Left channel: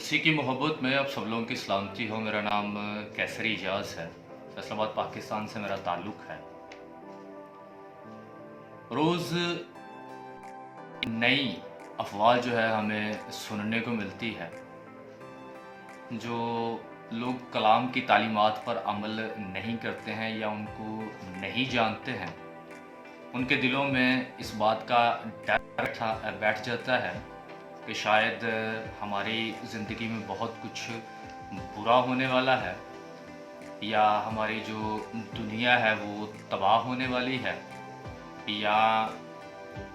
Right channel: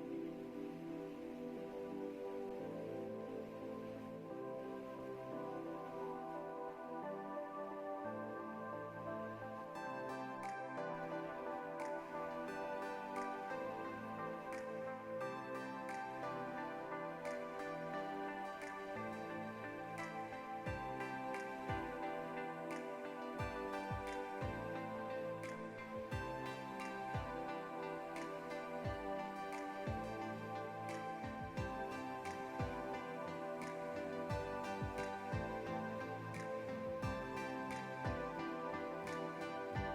उसी की मोहब्बत में आप सब लोगों की सलामती हो। मेरा नाम कैसरी एजाज है। फैसलाबाद पाकिस्तान से मेरा ताल्लुक़ है। रोज़ नई अफ़वाह जो है हमें सुनने को मिलती है। जो लोग कलाम की तालीमात पर अमल नहीं करते हैं या उनको नहीं जानते हैं, उनके दिलों में इस बात का डर बैठ जाता है कि शायद हमारी ज़िंदगी में बहुत कुछ बुरा होने वाला है, या हमारी जो दुनिया है वो तबाह होने वाली है, या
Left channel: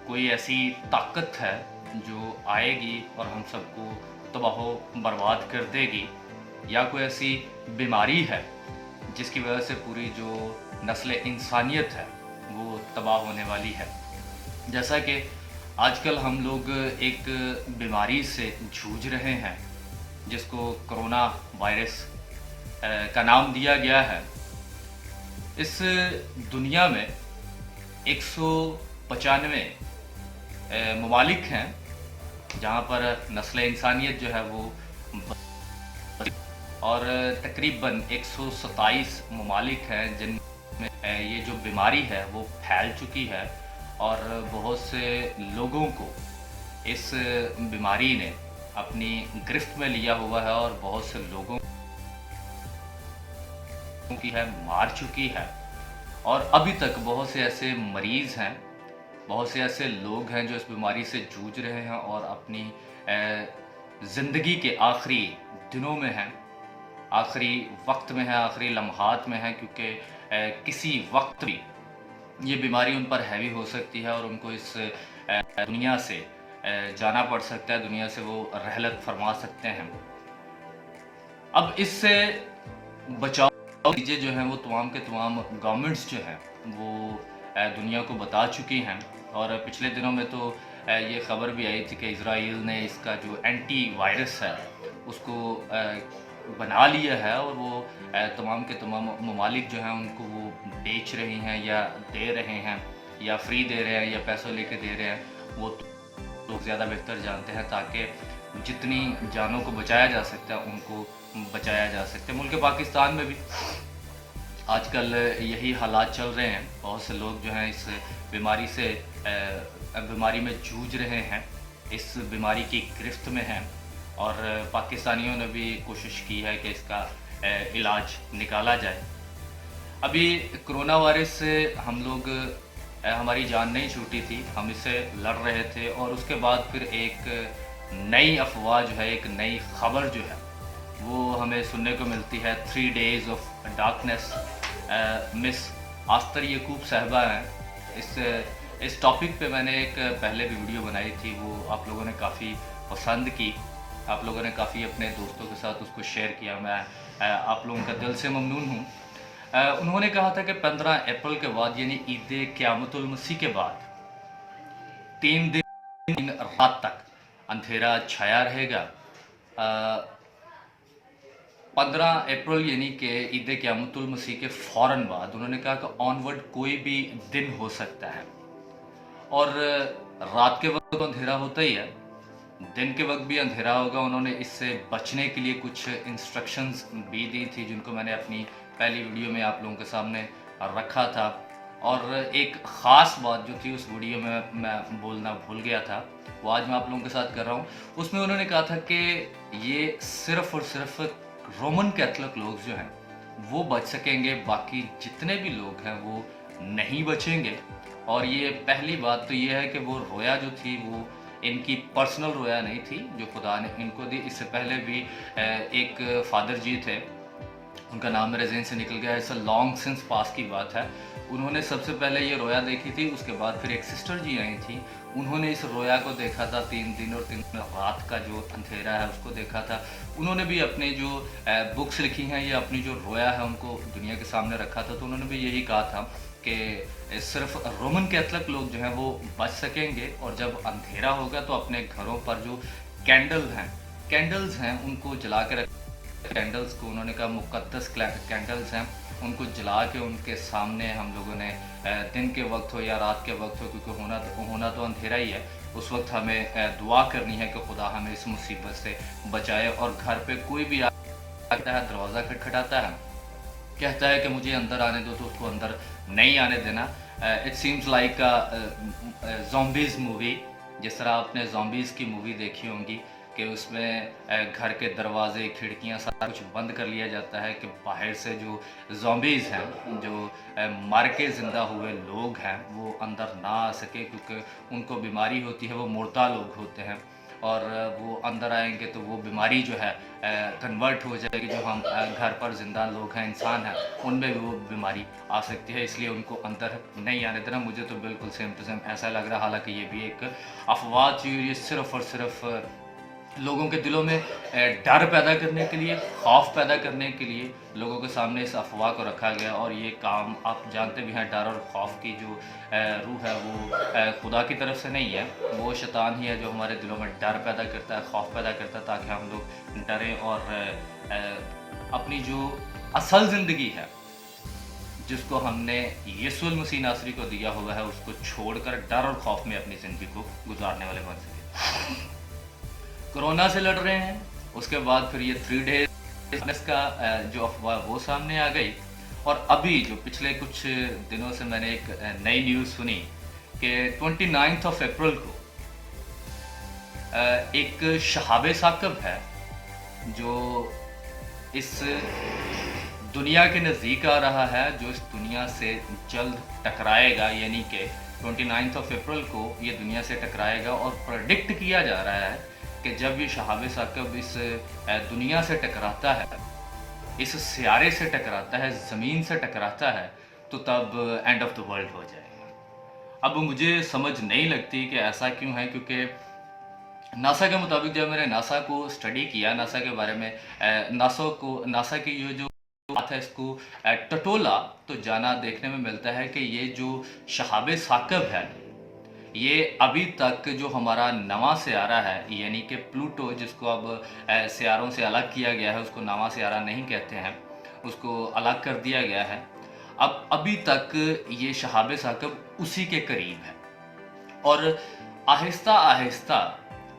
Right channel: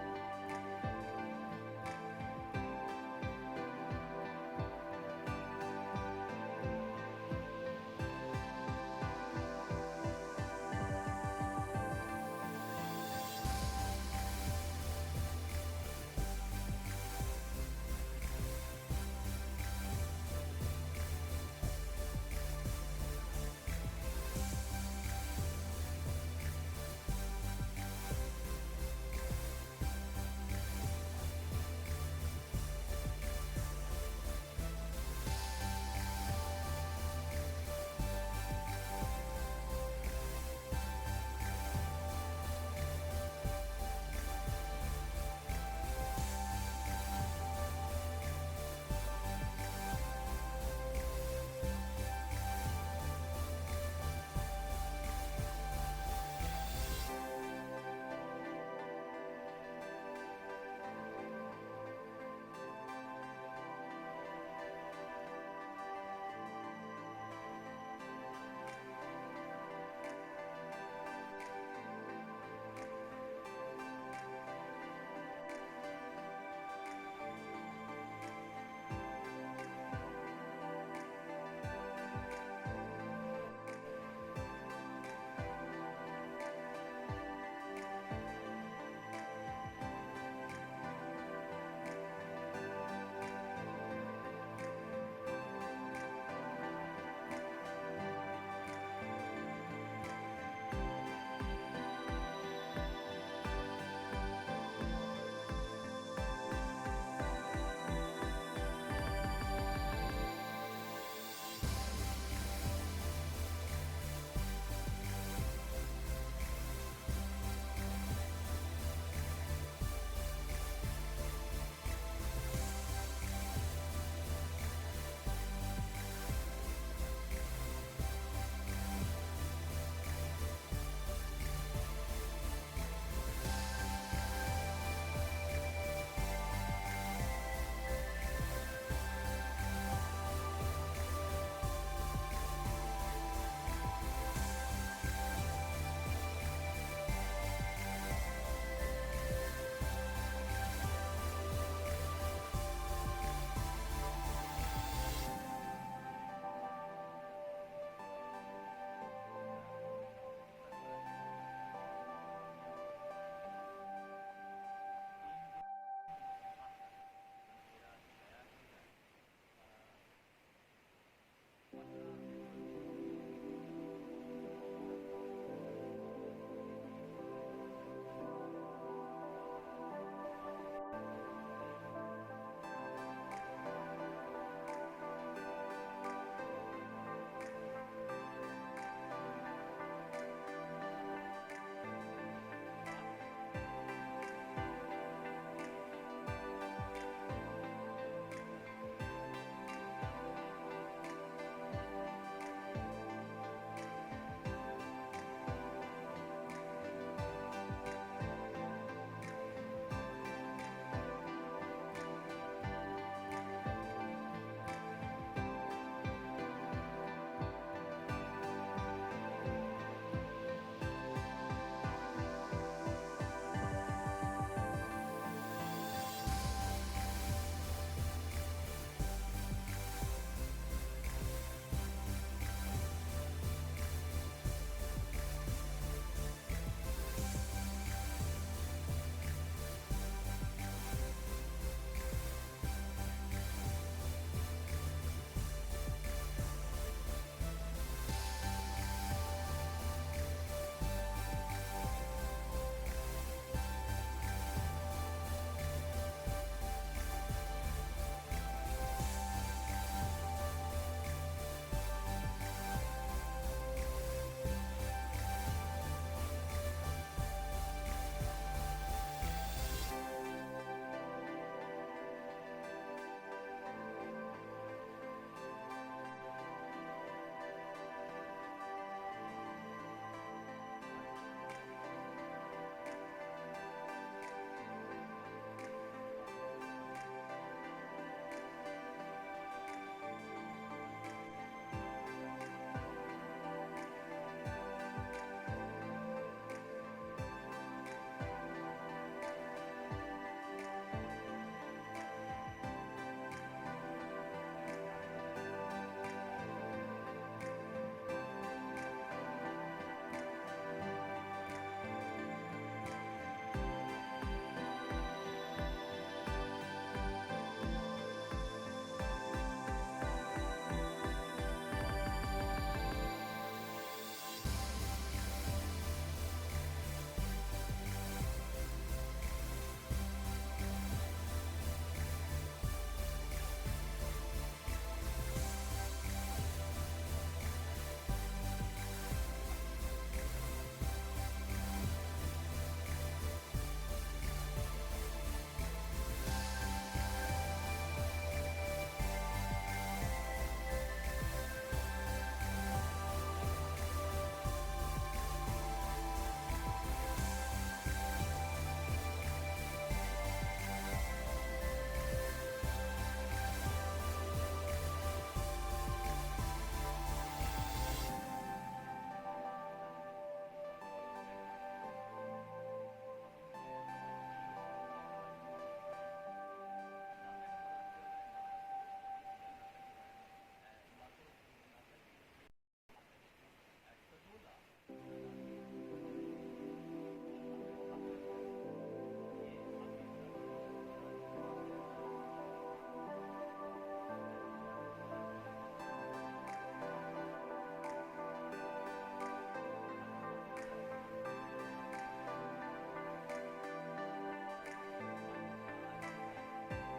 कोई ऐसी ताकत है जो आएगी और हम सबको तबाह बर्बाद कर देगी, या कोई ऐसी बीमारी है जिसकी वजह से पूरी जो नस्ल इंसानियत है वो तबाह होने वाली है। जैसा कि आजकल हम लोग एक बीमारी से जूझ रहे हैं जिसको कोरोना वायरस का नाम दिया गया है। इस दुनिया में 195 ममालिक हैं जहाँ पर नस्ल इंसानियत जो है वो, और तकरीबन 127 ममालिक हैं जिनमें ये जो बीमारी है वो फैल चुकी है, और बहुत से लोगों को इस बीमारी ने अपनी गिरफ्त में लिया हुआ है और बहुत से लोगों की है मार चुकी है। और अभी तक बहुत से ऐसे मरीज़ हैं, बहुत से ऐसे लोग हैं जो इस बीमारी से जूझ रहे हैं और अपनी ज़िंदगी के आखिरी दिनों में हैं, आखिरी वक्त में है, आखिरी लम्हात में है, क्योंकि किसी वक्त भी ये बीमारी उन पर हैवी हो सकती है और उनको इस दुनिया से जाना पड़ सकता है, दुनिया से वो रहलत फरमा सकते हैं। अब इससे बचाव चीज़ें जो हैं वो तमाम के तमाम गवर्नमेंट्स जो हैं वो दुनिया को बता चुकी हैं। और पिछले दिनों में तो ये ख़बर भी आई थी कि इज़राइल ने इसका जो एंटी वायरस है उसको बना लिया है, और वो तमाम के तमाम ममालिक जो हैं उनको वो बेच रही हैं या दे रहे हैं या फ्री दे रहे हैं या पैसों लेके दे रहे हैं, वो लोग ज़्यादा बेहतर जानते हैं, ताकि जितनी जानों को बचाया जा सकता है उनको बचाया जा सकता है। मुल्क पाकिस्तान में भी आजकल यही हालात चल रहे हैं। बहुत से लोग जो हैं इस बीमारी में जूझ रहे हैं, इस बीमारी की गिरफ्त में हैं, और पाकिस्तानियों ने भी कोशिश की है कि इसका इलाज निकाला जाए। अभी कोरोना वायरस से हम लोग हमारी जान नहीं छूटी थी, हम इससे लड़ रहे थे, और उसके बाद फिर एक नई अफवाह जो है, एक नई खबर जो है वो हमें सुनने को मिलती है। 3 डेज़ ऑफ डार्कनेस। मिस आस्तर यकूब साहिबा हैं। इस टॉपिक पे मैंने एक पहले भी वीडियो बनाई थी, वो आप लोगों ने काफ़ी पसंद की, आप लोगों ने काफ़ी अपने दोस्तों के साथ उसको शेयर किया। मैं आप लोगों का दिल से ममनून हूँ। उन्होंने कहा था कि 15 अप्रैल के बाद यानी ईद क़यामतुल मसीह के बाद 3 दिन रात तक अंधेरा छाया रहेगा। 15 अप्रैल यानी कि ईद क़यामतुल मसीह के फ़ौरन बाद उन्होंने कहा कि ऑनवर्ड कोई भी दिन हो सकता है, और रात के वक्त तो अंधेरा होता ही है, दिन के वक्त भी अंधेरा होगा। उन्होंने इससे बचने के लिए कुछ इंस्ट्रक्शंस भी दी थी जिनको मैंने अपनी पहली वीडियो में आप लोगों के सामने रखा था। और एक ख़ास बात जो थी उस वीडियो में मैं बोलना भूल गया था, वो आज मैं आप लोगों के साथ कर रहा हूँ। उसमें उन्होंने कहा था कि ये सिर्फ़ और सिर्फ रोमन कैथोलिक लोग जो हैं वो बच सकेंगे, बाकी जितने भी लोग हैं वो नहीं बचेंगे। और ये पहली बात तो ये है कि वो रोया जो थी वो इनकी पर्सनल रोया नहीं थी जो खुदा ने इनको दी। इससे पहले भी एक फादर जी थे, उनका नाम मेरे ज़हन से निकल गया है, इट्स लॉन्ग सिंस पास की बात है। उन्होंने सबसे पहले ये रोया देखी थी, उसके बाद फिर एक सिस्टर जी आई थी, उन्होंने इस रोया को देखा था। 3 दिन और 3 रात का जो अंधेरा है उसको देखा था। उन्होंने भी अपने जो बुक्स लिखी हैं या अपनी जो रोया है उनको दुनिया के सामने रखा था। तो उन्होंने भी यही कहा था कि सिर्फ रोमन कैथोलिक लोग जो हैं वो बच सकेंगे, और जब अंधेरा होगा तो अपने घरों पर जो कैंडल्स हैं उनको जला के रख। कैंडल्स को उन्होंने कहा मुक़द्दस कैंडल्स हैं, उनको जला के उनके सामने हम लोगों ने दिन के वक्त हो या रात के वक्त हो, क्योंकि होना तो अंधेरा ही है, उस वक्त हमें दुआ करनी है कि खुदा हमें इस मुसीबत से बचाए। और घर पे कोई भी आता है, दरवाज़ा खटखटाता है, कहता है कि मुझे अंदर आने दो, तो उसको अंदर नहीं आने देना। It seems like zombies movie, जिस तरह आपने ज़ॉम्बीज़ की मूवी देखी होंगी कि उसमें घर के दरवाजे, खिड़कियाँ सारा कुछ बंद कर लिया जाता है कि बाहर से जो ज़ॉम्बीज़ हैं, जो मर के ज़िंदा हुए लोग हैं, वो अंदर ना आ सके, क्योंकि उनको बीमारी होती है, वो मुर्दा लोग होते हैं, और वो अंदर आएंगे तो वो बीमारी जो है कन्वर्ट हो जाएगी। जो हम घर पर ज़िंदा लोग हैं, इंसान हैं, उनमें भी वो बीमारी आ सकती है, इसलिए उनको अंदर नहीं आने देना। मुझे तो बिल्कुल सेम टू सेम ऐसा लग रहा है, हालांकि ये भी एक अफवाह थी, ये सिर्फ़ और सिर्फ लोगों के दिलों में डर पैदा करने के लिए, खौफ पैदा करने के लिए लोगों के सामने इस अफवाह को रखा गया। और ये काम आप जानते भी हैं, डर और खौफ की जो रूह है वो खुदा की तरफ से नहीं है, वो शैतान ही है जो हमारे दिलों में डर पैदा करता है, खौफ पैदा करता है, ताकि हम लोग डरें और अपनी जो असल ज़िंदगी है, जिसको हमने यीशु मसीह नासरी को दिया हुआ है, उसको छोड़कर डर और खौफ में अपनी ज़िंदगी को गुजारने वाले बन सकें। कोरोना से लड़ रहे हैं, उसके बाद फिर ये 3 डेज का जो अफवाह वो सामने आ गई। और अभी जो पिछले कुछ दिनों से मैंने एक नई न्यूज़ सुनी कि 29 अप्रैल को एक शहाबे साकब है जो इस दुनिया के नज़दीक आ रहा है, जो इस दुनिया से जल्द टकराएगा, यानी कि 29 अप्रैल को ये दुनिया से टकराएगा। और प्रेडिक्ट किया जा रहा है कि जब ये शहाबे साकब इस दुनिया से टकराता है, इस सियारे से टकराता है, ज़मीन से टकराता है, तो तब एंड ऑफ द वर्ल्ड हो जाएगा। अब मुझे समझ नहीं लगती कि ऐसा क्यों है, क्योंकि नासा के मुताबिक जब मैंने नासा को स्टडी किया, नासा के बारे में नासा की जो बात है इसको टटोला, तो जाना देखने में मिलता है कि ये जो शहाबे साकब है, ये अभी तक जो हमारा नवा सियारा है, यानी कि प्लूटो, जिसको अब सियारों से अलग किया गया है, उसको नवा सियारा नहीं कहते हैं, उसको अलग कर दिया गया है। अब अभी तक ये शहाबे साकब उसी के करीब है, और आहिस्ता आहिस्ता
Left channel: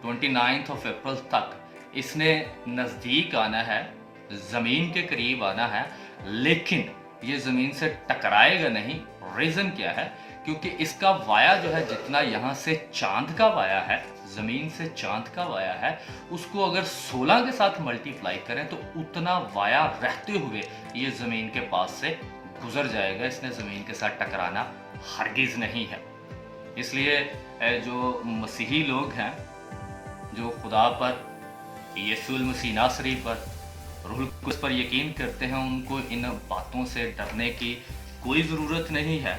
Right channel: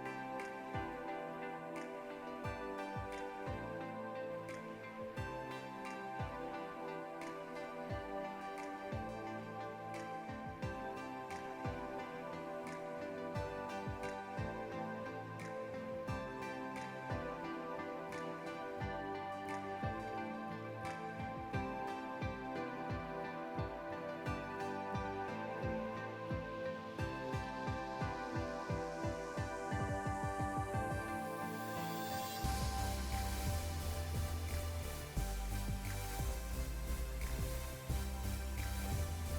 29 अप्रैल तक इसने नज़दीक आना है, ज़मीन के करीब आना है, लेकिन ये ज़मीन से टकराएगा नहीं। रीज़न क्या है? क्योंकि इसका वाया जो है, जितना यहाँ से चांद का वाया है, ज़मीन से चांद का वाया है, उसको अगर 16 के साथ मल्टीप्लाई करें तो उतना वाया रहते हुए ये ज़मीन के पास से गुजर जाएगा। इसने ज़मीन के साथ टकराना हरगिज़ नहीं है। इसलिए जो मसीही लोग हैं, जो खुदा पर, यीशु मसीह नासरी पर, रूह कुद्स पर यकीन करते हैं, उनको इन बातों से डरने की कोई ज़रूरत नहीं है।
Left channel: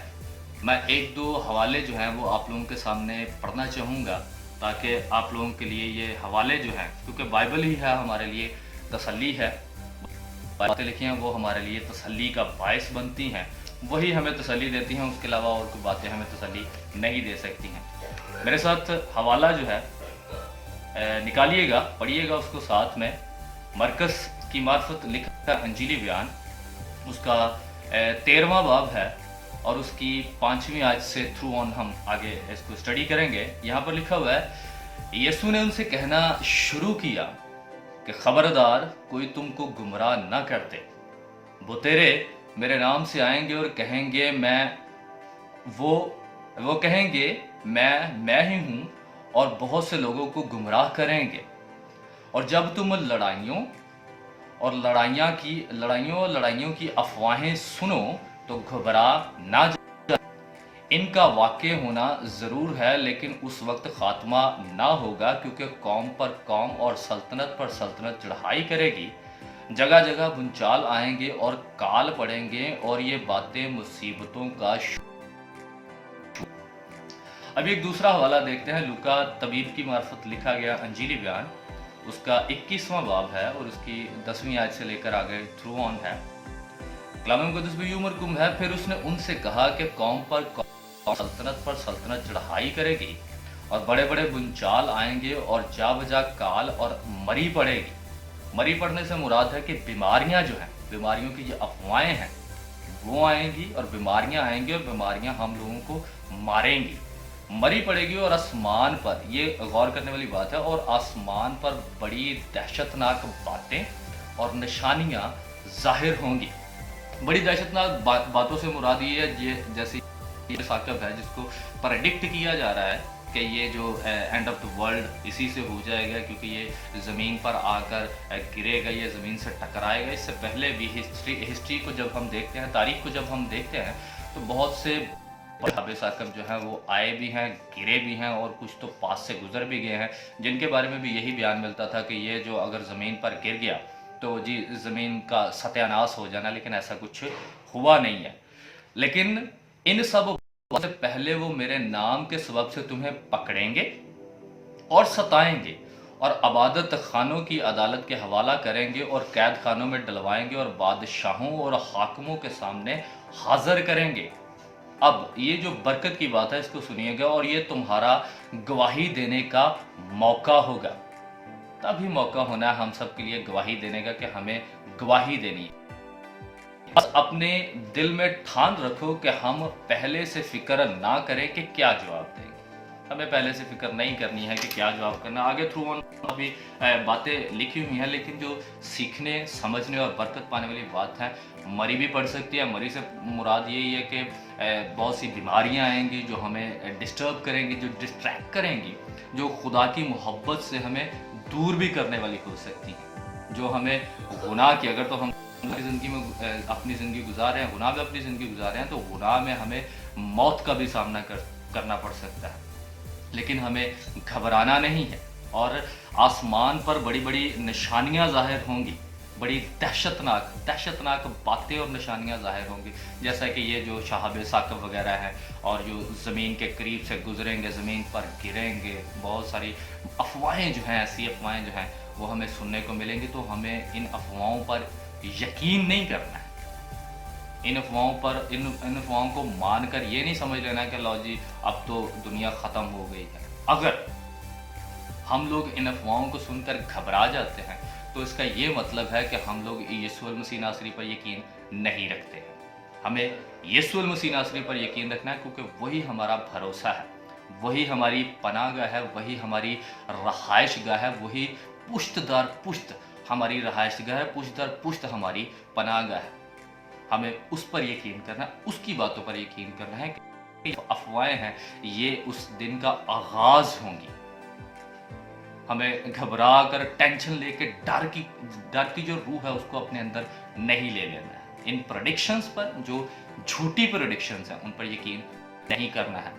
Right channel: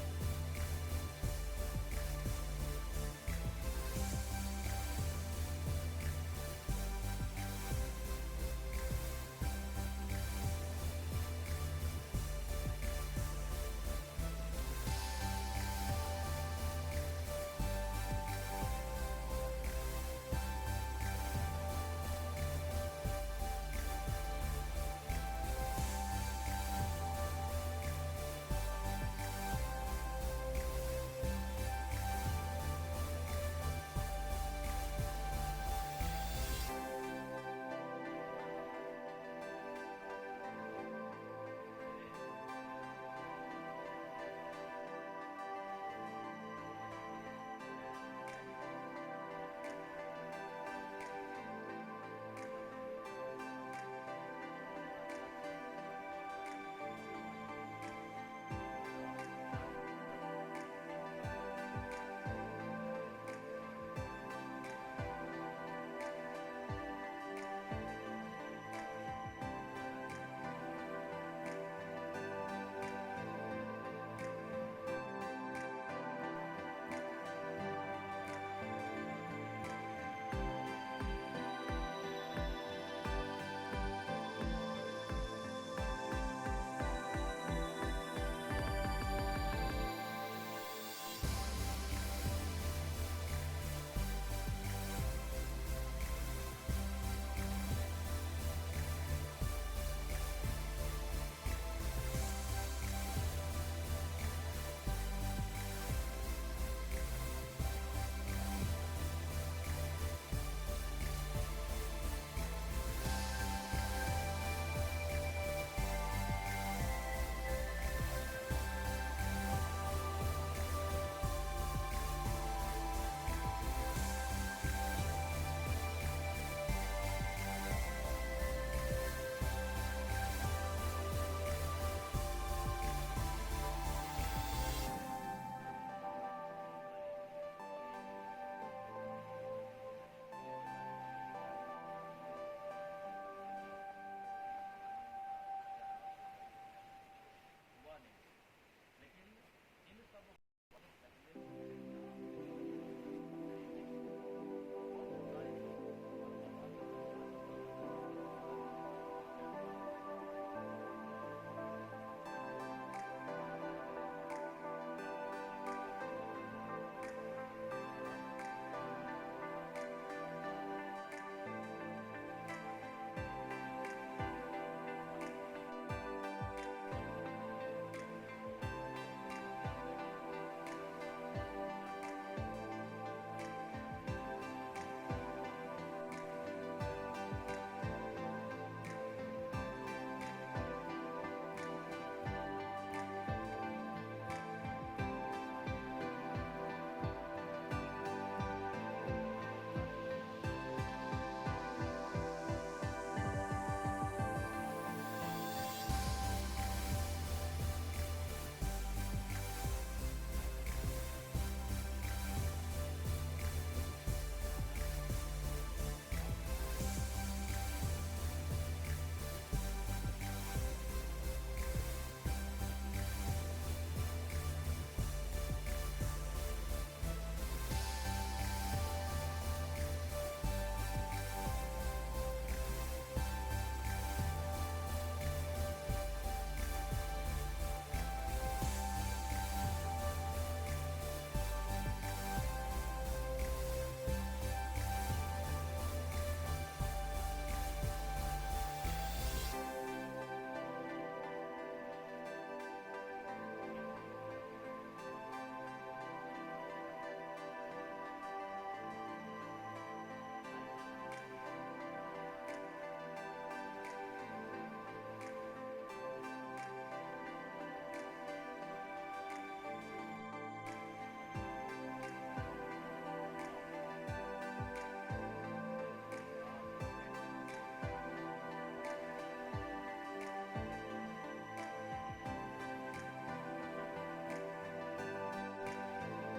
मैं 1-2 हवाले जो हैं वो आप लोगों के सामने पढ़ना चाहूँगा, ताकि आप लोगों के लिए ये हवाले जो हैं, क्योंकि बाइबल ही है हमारे लिए तसल्ली है, बातें लिखी हैं वो हमारे लिए तसल्ली का बायस बनती हैं, वही हमें तसल्ली देती हैं, उसके अलावा और कोई बातें हमें तसल्ली नहीं दे सकती हैं। मेरे साथ हवाला जो है निकालिएगा, पढ़िएगा उसको साथ में। मरकस की मार्फत लिखा अंजीली बयान, उसका 13वां बाब है, और उसकी 5वीं आयत से थ्रू ऑन हम आगे इसको स्टडी करेंगे। यहाँ पर लिखा हुआ है, यीशु ने उनसे कहना शुरू किया कि खबरदार कोई तुमको गुमराह न कर दे। वो मेरे नाम से आएंगे और कहेंगे वो कहेंगे मैं ही हूँ, और बहुत से लोगों को गुमराह करेंगे। और जब तुम लड़ाइयों की अफवाहें सुनो तो घबरा ना जाओ। इनका वाक़े होना ज़रूर है, लेकिन उस वक्त ख़ात्मा ना होगा, क्योंकि कौम पर कौम और सल्तनत पर सल्तनत चढ़ाई करेगी। जगह जगह भूचाल आएंगे और काल पड़ेंगे, और ये बातें मुसीबतों का अब एक दूसरा हवाला देखते हैं। लूका तबीब की मार्फत लिखा गया अंजीली बयान, उसका 21वां बाब है, और उसकी 10वीं आयत से लेकर आगे थ्रू ऑन है। कलाम मुक़द्दस में यूं मरकूम है, फिर उसने उनसे कहा कि कौम पर कौम, सल्तनत पर सल्तनत चढ़ाई करेगी, और बड़े बड़े बुनचाल आएंगे, और जा बजा काल और मरी पड़ेगी। मरी पड़ने से मुराद है कि बीमारियां जो हैं, बीमारियों की जो अफवाहें हैं वो आएंगी, और बीमारियां आएंगी, और बीमारियां हम लोगों को मारेंगी। मरी पड़ेगी और आसमान पर, ये गौर करने वाली बात है, और आसमान पर बड़ी दहशतनाक बातें और निशानियां जाहिर होंगी। बड़ी दहशतनाक बातों से मुराद ये है, ये जैसे ये साकब है जिसको प्रेडिक्ट किया जा रहा है कि ये जो एंड ऑफ द वर्ल्ड इसी से हो जाएगा, क्योंकि ये ज़मीन पर आकर गिरेगा, ये ज़मीन से टकराएगा। इससे पहले भी हिस्ट्री को जब हम देखते हैं, तारीख को जब हम देखते हैं, तो बहुत से सहाबे साकब जो हैं वो आए भी हैं, गिरे भी हैं, और कुछ तो पास से गुजर भी गए हैं, जिनके बारे में भी यही बयान मिलता था कि ये जो अगर ज़मीन पर गिर गया तो जी ज़मीन का सत्यानाश हो जाना, लेकिन ऐसा कुछ हुआ नहीं है। लेकिन इन सब से पहले वो मेरे नाम के सबब से तुम्हें पकड़ेंगे और सताएंगे, और अबादत खानों की अदालत के हवाला करेंगे, और कैद खानों में डलवाएंगे, और बादशाहों और हाकिमों के सामने हाजिर करेंगे। अब ये जो बरकत की बात है इसको सुनिएगा, और ये तुम्हारा गवाही देने का मौका होगा। तभी मौका होना है हम सब के लिए गवाही देने का, कि हमें गवाही देनी है। बस अपने दिल में ठान रखो कि हम पहले से फिक्र ना करें कि क्या जवाब देंगे। हमें पहले से फिक्र नहीं करनी है कि क्या जवाब करना। आगे थ्रू ऑन अभी बातें लिखी हुई हैं, लेकिन जो सीखने, समझने और बरकत पाने वाली बात है, मरी भी पड़ सकती है। मरी से मुराद यही है कि बहुत सी बीमारियां आएंगी जो हमें डिस्टर्ब करेंगी, जो डिस्ट्रैक्ट करेंगी, जो खुदा की मोहब्बत से हमें दूर भी करने वाली हो सकती है, जो हमें गुनाह की, अगर तो हम अपनी ज़िंदगी में अपनी ज़िंदगी गुजार रहे हैं, गुनाह में अपनी ज़िंदगी गुजार रहे हैं, तो गुनाह में हमें मौत का भी सामना करना पड़ सकता है। लेकिन हमें घबराना नहीं है, और आसमान पर बड़ी बड़ी निशानियां जाहिर होंगी, बड़ी दहशतनाक बातें और निशानियां जाहिर होंगी, जैसा कि ये जो शहाब साकब वगैरह हैं, और जो ज़मीन के करीब से गुजरेंगे, ज़मीन पर गिरेंगे, बहुत सारी अफवाहें जो हैं, ऐसी अफवाहें जो हैं वो हमें सुनने को मिलेंगी। तो हमें इन अफवाहों पर यकीन नहीं करना है। इन अफवाहों को मानकर ये नहीं समझ लेना कि लो जी अब तो दुनिया ख़त्म हो गई है। अगर हम लोग इन अफवाहों को सुनकर घबरा जाते हैं, तो इसका ये मतलब है कि हम लोग यीशु मसीह नासरी पर यकीन नहीं रखते। हमें यीशु मसीह नासरी पर यकीन रखना है, क्योंकि वही हमारा भरोसा है, वही हमारी पनाहगाह है, वही हमारी रहाइश गाह है, वही पुश्त दर पुश्त हमारी रहाइश गाह है, पुश्त दर पुश्त हमारी पनाहगाह है। हमें उस पर यकीन करना है, उसकी बातों पर यकीन करना है कि अफवाहें हैं ये उस दिन का आगाज होंगी। हमें घबरा कर, टेंशन लेके, डर की जो रूह है उसको अपने अंदर नहीं ले लेना है। इन प्रेडिक्शंस पर, जो झूठी प्रेडिक्शंस हैं, उन पर यकीन नहीं करना है,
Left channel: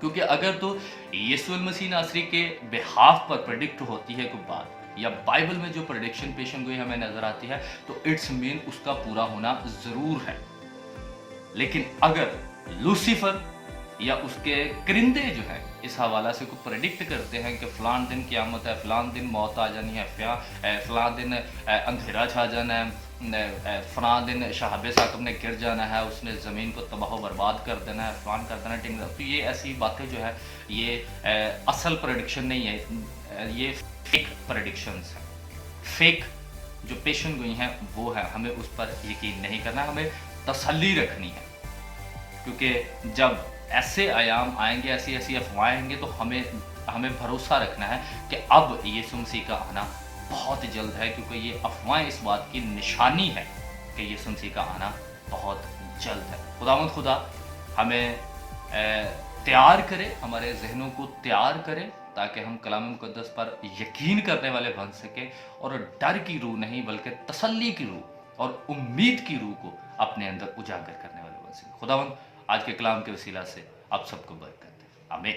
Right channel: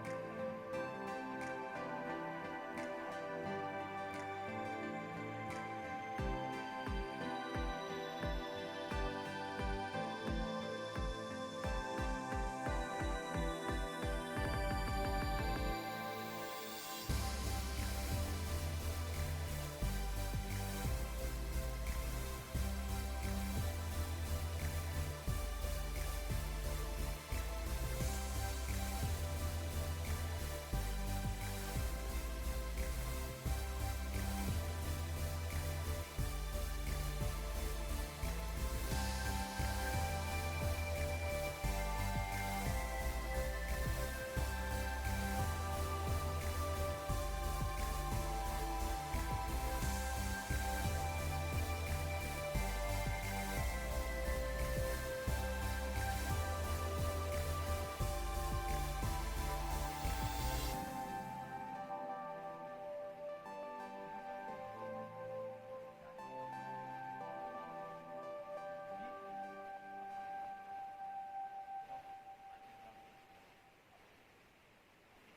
क्योंकि अगर तो यीशु मसीह नासरी के बिहाफ पर प्रेडिक्ट होती है कोई बात, या बाइबल में जो प्रेडिक्शन पेशन गोई हमें नजर आती है, तो इट्स मीन उसका पूरा होना जरूर है। लेकिन अगर लूसीफर या उसके करिंदे जो हैं इस हवाला से कोई प्रेडिक्ट करते हैं कि फ़लान दिन क़यामत है, फ़लान दिन मौत आ जानी है, फ़लान दिन अंधेरा छा जाना है, फ़लान दिन शहाब साकब ने गिर जाना है, उसने ज़मीन को तबाह बर्बाद कर देना है, फ़लान कर देना टिंग, तो ये ऐसी बातें जो है ये असल प्रेडिक्शन नहीं है, ये फेक प्रेडिक्शंस हैं। फेक जो पेशन गोई हैं वो है, हमें उस पर यकीन नहीं करना, हमें तसल्ली रखनी है, क्योंकि जब ऐसे आयाम आएंगे, ऐसी ऐसी अफवाहें आएंगे, तो हमें भरोसा रखना है कि अब यीशु मसीह का आना बहुत जल्द है, क्योंकि ये अफवाहें इस बात की निशानी है कि यीशु मसीह का आना बहुत जल्द है। खुदावंद खुदा हमें तैयार करे, हमारे जहनों को तैयार करे, ताकि हम कलाम मुक़द्दस पर यकीन करने वाले बन सके, और डर की रूह नहीं बल्कि तसल्ली की रूह और उम्मीद की रूह को अपने अंदर उजागर करने वाले बन सके। खुदावंद आज के कलाम के वसीला से आप सबको बरकत दे। आमीन।